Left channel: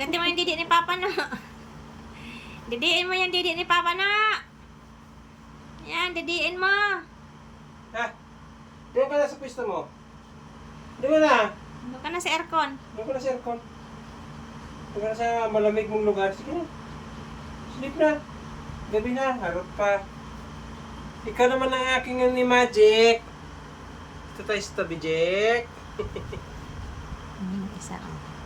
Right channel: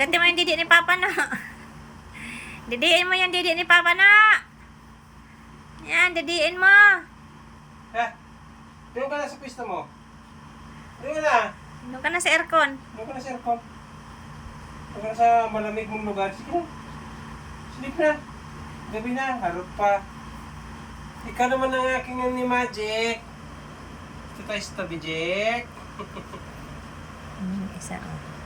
Ganti mo yung didi ni Papa na. Didiin mo yung didi ni Papa na. Yan, didiin mo. Ha? Doon ka na sa pista mo. Doon na. Doon ka na sa aircon. Doon ka na sa aircon. Doon ka na sa malamig mong lugar. Sige na. Sleep na. Gabi na. Harap pa. Ikaw naman ang aking ni Magic. Ito tayo sa tabi, Jack. Isa oh.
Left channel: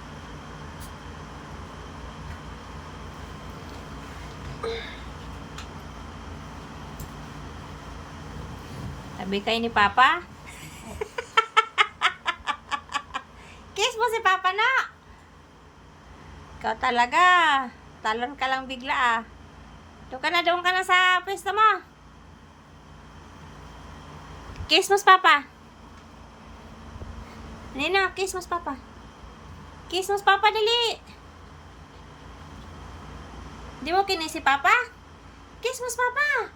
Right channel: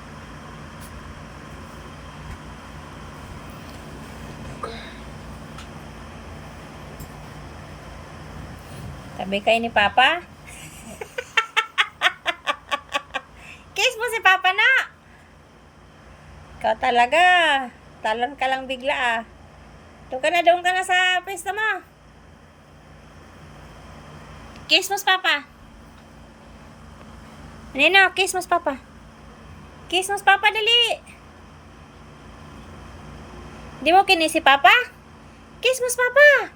Tabi kayo ni Papa? Kiss mo si Papa na! Ikaw talaga. Talon ka lang bigla ah. Doon ka na, doon ka na sa pwesto mo. Kiss mo si Papa. Nino, kiss mo si Papa. Kiss mo si Papa, dali. Di mo kinis si Papa? Kiss mo si Papa.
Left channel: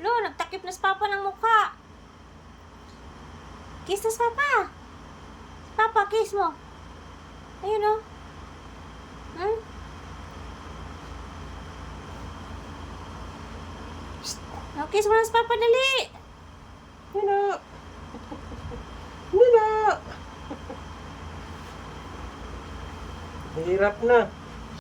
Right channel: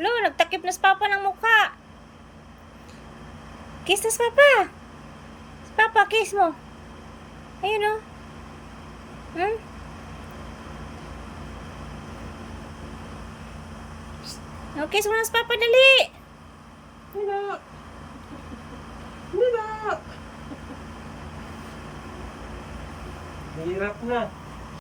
Lo, nagtakip na si Papa ng mukha. Kiss na si Papa. Si Papa, kiss mo. Ayun o. Hmm? No, kiss mo na si Papa, dali. Nina. Nina. Mahirap na.